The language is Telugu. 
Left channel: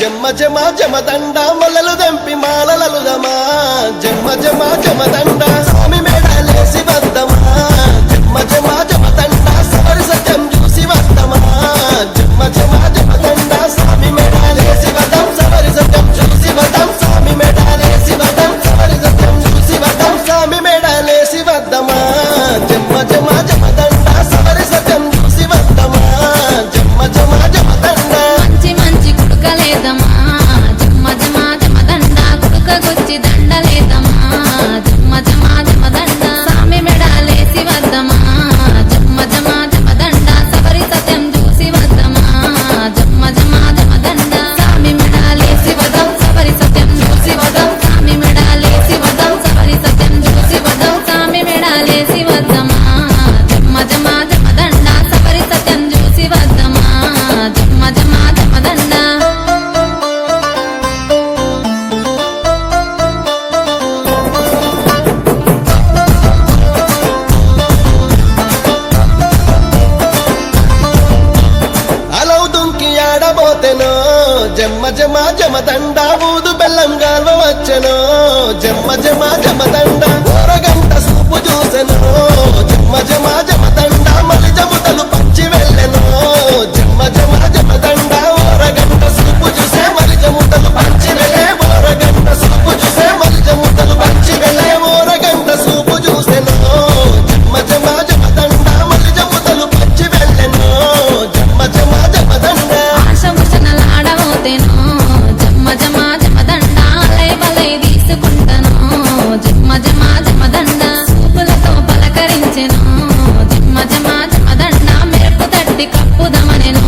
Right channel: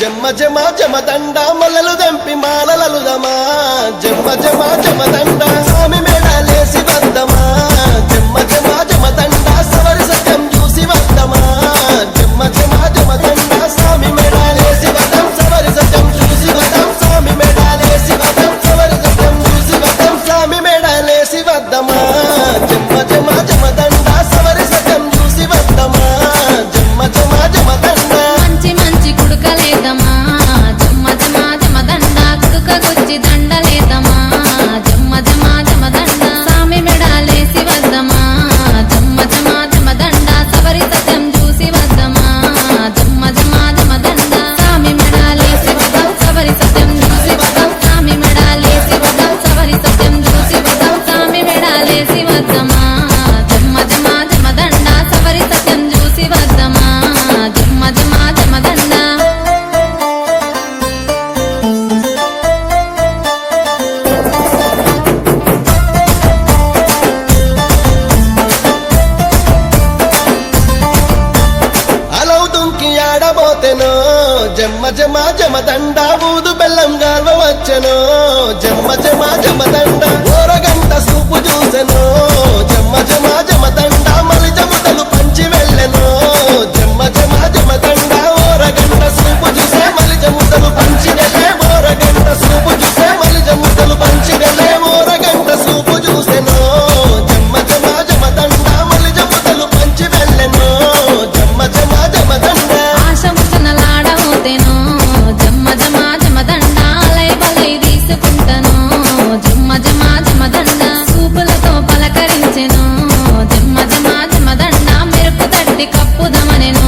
జమ్మ జమ జమదండ మల్లలు దంపి మాలలలుదమా జమ్మ జమ జమదండ స్వామి మేడాలేసి వద్దమా జమ్మ జమ జమదండ సవరి సత్యం చూసి వద్దమా జమ్మ జమ జమదండ స్వామి మేడాలేసి వదం సవరి సత్యం చూసి వదం స్వామి మేడాలేసి వదం సవరి సత్యం చూసి వదం స్వామి మేడాలేసి వద్దమా జమ్మ జమ జమదండ సవరి సత్యం చూసి వద్దమా జమ్మ జమ జమదండ మంచి మంచి కుడుకలేదమా జమ్మ జమ జమదండ కుడుకగొచ్చి దండలేదమా జమ్మ జమ జమదండ స్వామి మెడాలేసి వద్దమా జమ్మ జమ జమదండ సవరి సత్యం చూసి వద్దమా జమ్మ జమ జమదండ స్వామి మెడాలేసి వదం సవరి సత్యం చూసి వదం స్వామి మెడాలేసి వదం సవరి సత్యం చూసి వదం స్వామి మెడాలేసి వద్దమా జమ్మ జమ జమదండ సవరి సత్యం చూసి వద్దమా జమ్మ జమ జమదండ అలవు దుంకి ఆడబోతెనో జమ్మ జమ జమదండ ఊదు బెల్లం గాల్వ వచ్చెనో జమ్మ జమ జమదండ ఓరగంట సూపు చూసెనో జమ్మ జమ జమదండ మలిజ ముదలు పంచి వెళ్ళెనో జమ్మ జమ జమదండ ఓరగంట సూపు చూసే మలిజ ముదలు పంచి వెళ్ళే ఓరగంట సూపు చూసే మలిజ ముదలు పంచి వెళ్ళే ఓరగంట సూపు చూసెనో జమ్మ జమ జమదండ మలిజ ముదలు పంచి వెళ్ళెనో జమ్మ జమ జమదండ ఆశముషనలాడబోతేనో జమ్మ జమ జమదండ అలై బలై తీసుకుంటను జమ్మ జమ జమదండ సూపులతో పలకరించెను జమ్మ జమ జమదండ మెరుపు తట్టి కప్పుదమనెను